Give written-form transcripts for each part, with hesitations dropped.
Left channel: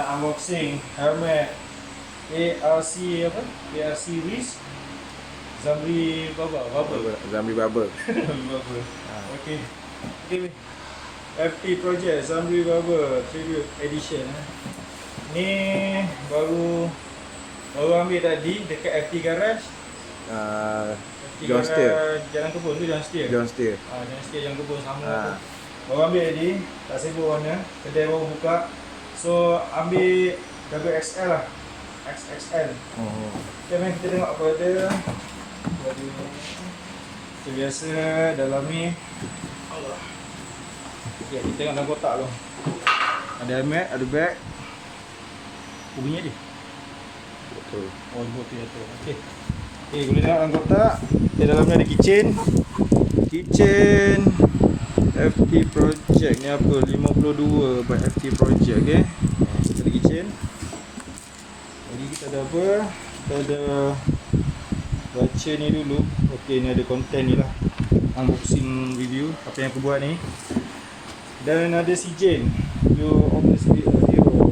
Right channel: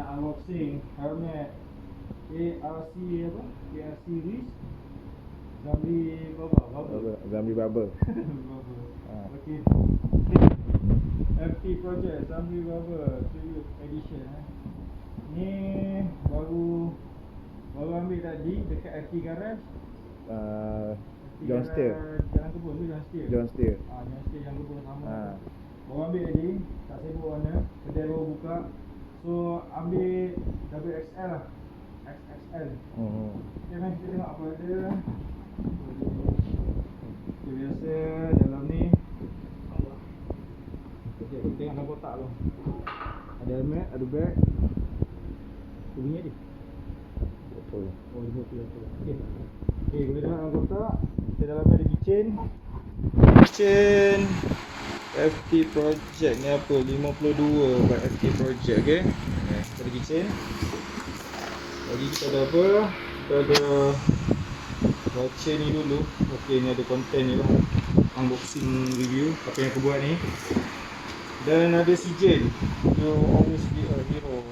nak unboxing helmet ARC apa? ARC Ritz Zamri Bawa. Zamri Bawa. Okey. FTPROJECT Zamri Bawa Tribute Edition. Ni baru ambil tadi dekat FT Garage. Jalan Jalan Kebun tu Jalan Setia. Jalan Setia. Jalan Setia Jalan Kebun sama. Baru ambil tadi, tak sibuk warna. Kedai baru buka. So ambil double XL lah. XXL. Okay, mari kita tengok apa ada. Seperti biasa dalam ni. Okay, kita tengok dalam kotak tu. Ada helmet, ada bag. Bunyi dia. Betul. Oh, betul jatuh. Okey. Okey, boleh tengok dalam kotak. Di dalamnya ada keychain. Keychain FTPROJECT ni apa? 52 by FTPROJECT, okey. Ada keychain. Lagi kita ada apa? Kita ada baca ni dulu. Okey, ni ada konten ni lah. Unboxing review apa yang aku buat ni. Dan ada sijil. You obviously a hero.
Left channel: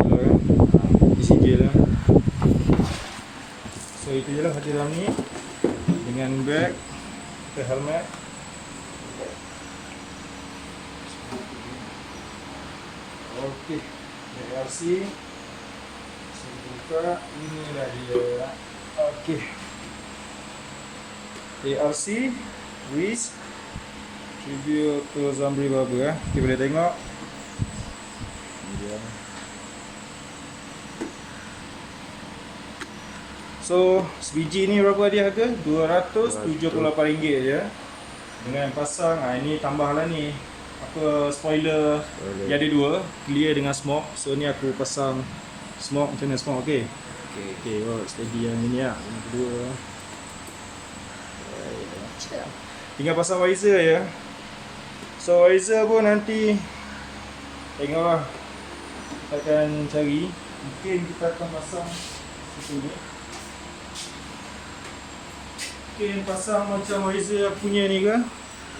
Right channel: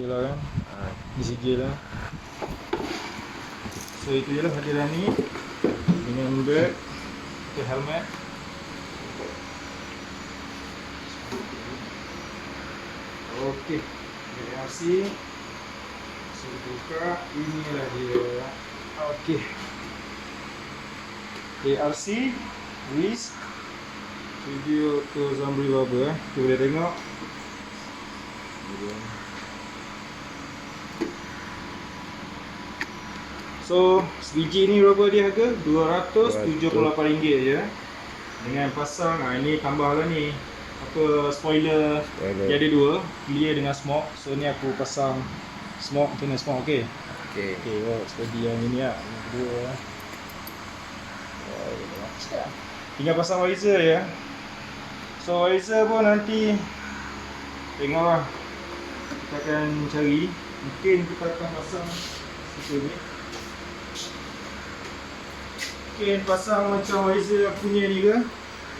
Kalau di sijil lah. So itu je lah hadir dalam ni. Dengan bag ke helmet. Okey, ARC. Saya buka, inilah dia. Okey. ARC Ritz Tribute to Zamri Bawa. Kita boleh tengok. So, sebiji ni berapa dia harga? RM278 je. Dengan pasang, ini tambah lah ni. Apa, spoiler. Dia ada dua, clear dengan smoke. So ni aku pasang smoke, macam mana smoke, okey? Okey, oh, steady yang ini lah. Yang kedua. Tinggal pasang visor ya. So visor pun nanti tengoklah. Kita akan cari. Mungkin kita akan pasang situ ni. Mungkin pasang macam visor punya ni ke?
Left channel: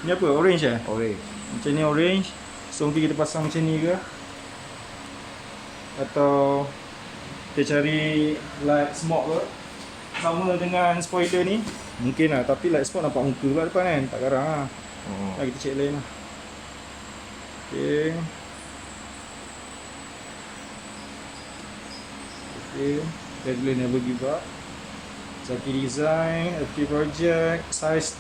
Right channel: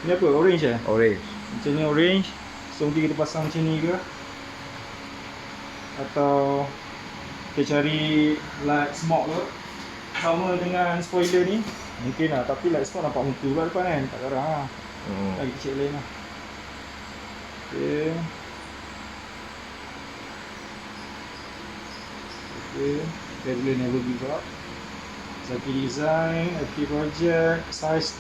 Ni apa? Orange eh? Orange. Macam ni orange. So mungkin kita pasang macam ni ke? Atau kita cari light smoke ke? Sama dengan spoiler ni. Mungkin lah, tapi light smoke nampak muka pula depan kan? Tak garang lah. Kita check lain lah. Okay. Dia boleh never give up. Zaki design, FTPROJECT, size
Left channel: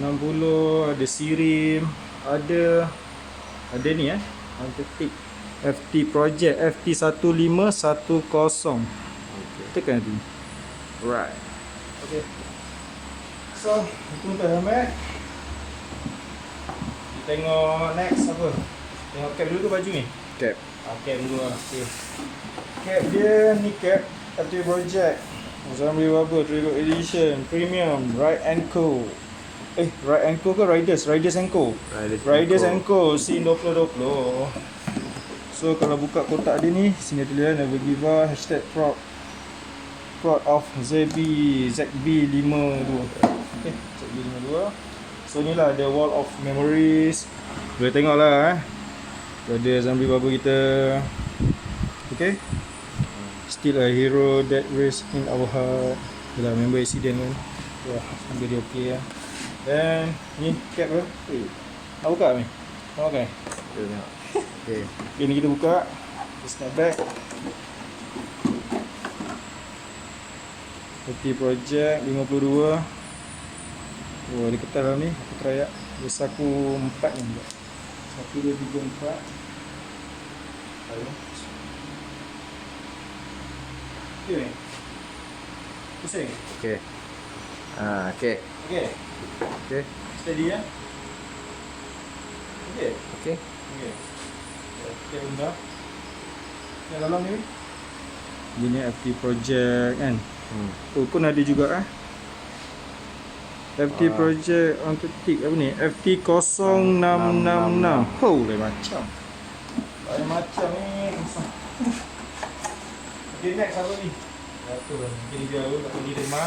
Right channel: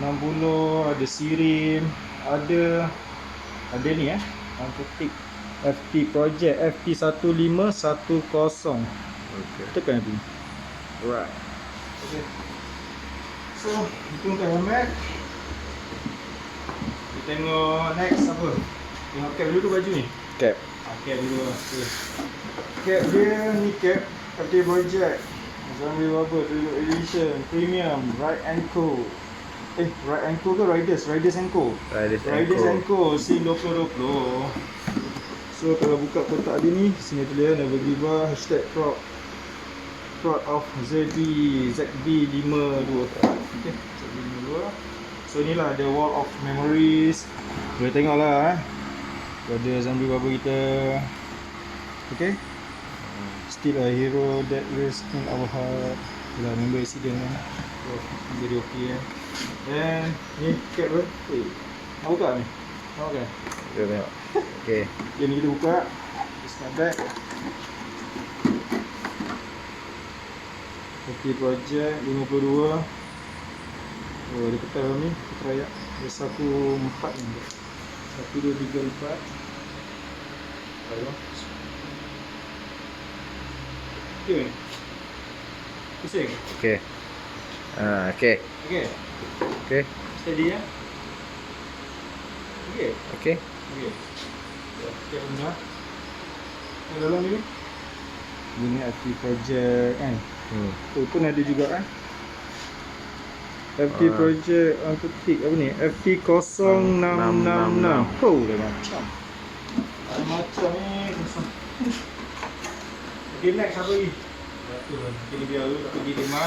60, ada sirim, ada ni untuk tick FTPROJECT FT1510. Tekan tu. Right. Okay. So, itu untuk helmet. Kita tengok next apa? Tengok cap dulu ke baju ni? Cap. Cap dulu lah. Okay. Cap dia ni cap FTPROJECT Zamri Bawa Tribute Edition Premium Ride & Co. Ride & Co ke Riders & Co. Riders & Co. Scene 2020. So kalau buka kotak dia ni, sini tulis never give up, hashtag proud of ZB 52. Okay, ZB 52. So ni lah the wall of memories. Boleh tengok lah pada Zamri Bawa kita. Okay. Still a hero that lives in our heart. Bila member accident kan. Wah, very okay ya. Dan ni cap tu. Nak buka ni? Nak pakai? Kita tengok. Okay. Ni kita buka. Let's start back. FTPROJECT 52. Oh, dia ketat dalam ni. Kita try ya. Dia saku 4 ni. 1, 2, 3, 4. Okay. Pusing. Okay. Okay. Okay. Okay. Steady ya. Okay. Okay. Okay. Okay, benda. Yang dalam ni. Ini FTPROJECT kan. Tu pun ada juga FTPROJECT untuk tick apa ni? FT0666. Oh, dah macam. Ada macam ni. Okay, next apa ni? Jatuh lah. Jadi biar dulu tak pergi rumah.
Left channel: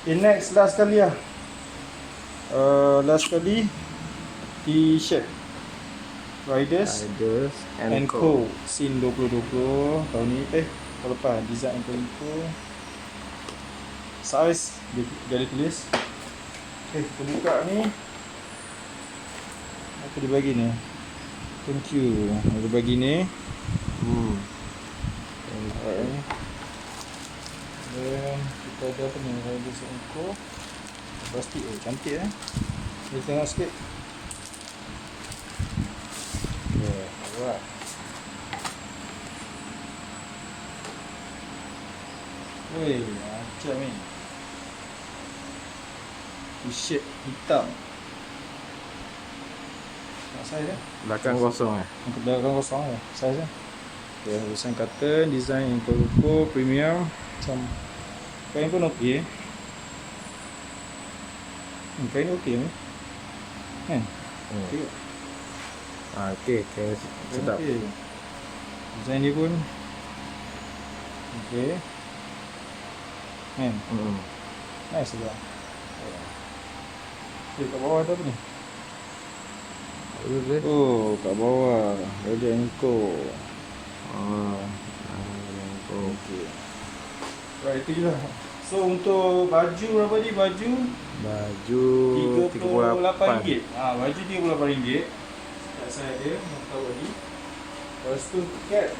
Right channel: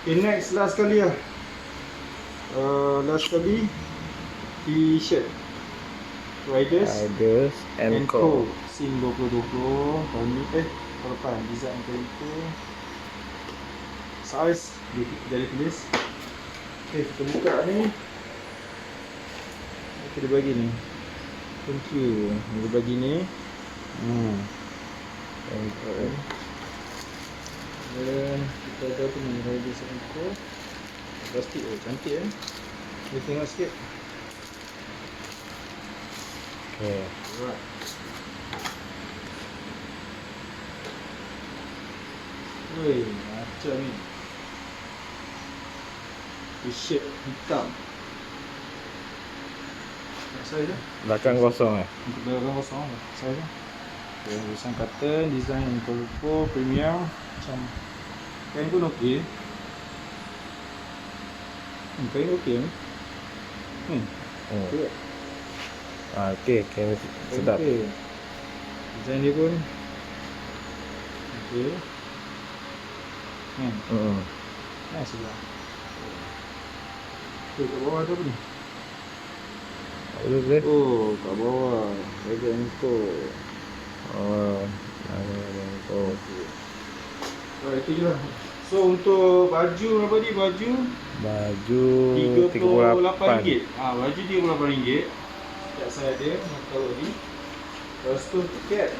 Okay, next last kali lah. Last kali T-shirt. Riders and Co. Scene 2020 tahun ni tahun lepas design info size dia tulis. Kita buka ni. Apa dia bagi ni? Thank you. Dia bagi ni. Okay. Dan kita ada apa ni? Riders and Co. Plastik cantik Dia tengok sikit. Okay. Alright. Woi, macam ni. T-shirt hitam. Nak size dah? Belakang kosong Untuk belakang kosong lah. Size dah. Okay, tulisan cotton, design yang purple, premium. Macam kain pun okey. Kain okey ni. Okey. Okay, sedap. Okay. Design dia pun okey. Nice juga. Okay, kat bawah tu apa ni? Apa tu? Oh, kat bawah ada info. Nama and Co. Okay. Itu je lah. So untuk baju berapa ni? Baju RM38. Baju RM38. Sekejap saya ada, nak tahu lagi. Lepas tu cap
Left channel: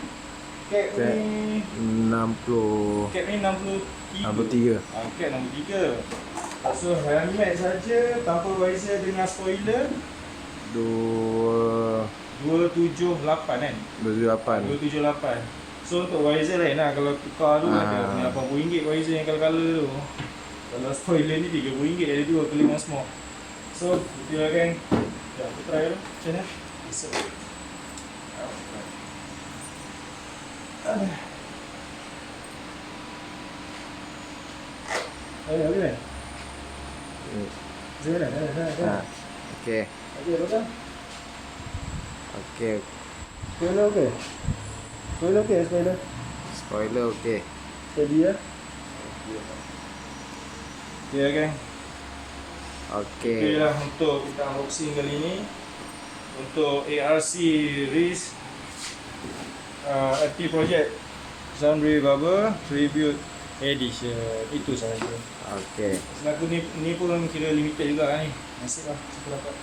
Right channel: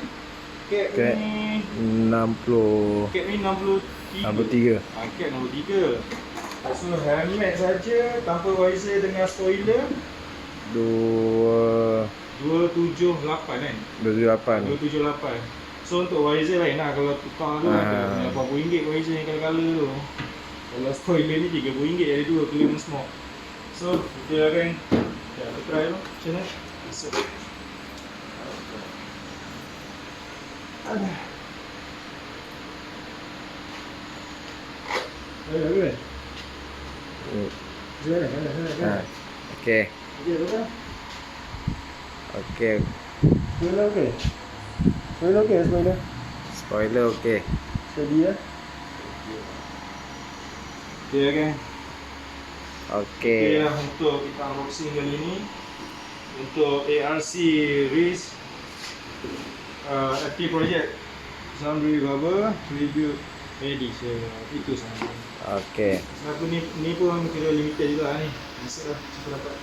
ni 60. Cap ni 63. Cap 63. So helmet saja tanpa visor dengan spoiler 278 kan? 278. 278. So untuk visor lain lah. Kalau tukar tu RM80 visor yang colour-colour tu. Kalau spoiler ni RM30 ada dua clear dan smoke. So kita akan try tu macam mana. So Ayo, kan? Okay. Aja betul. Okay. Spoiler okey. Spoiler. Spoiler okay. Steady ya. Okay, kan? Okay. Okay lah untuk kita unboxing kali ni. Untuk ARC Ritz FTPROJECT Zamri Bawa Tribute Edition. Itu sahaja. Okay. Sebab ni pun kira limited juga ni. Masuk lah. Cuba dapat.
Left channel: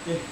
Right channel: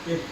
Okay.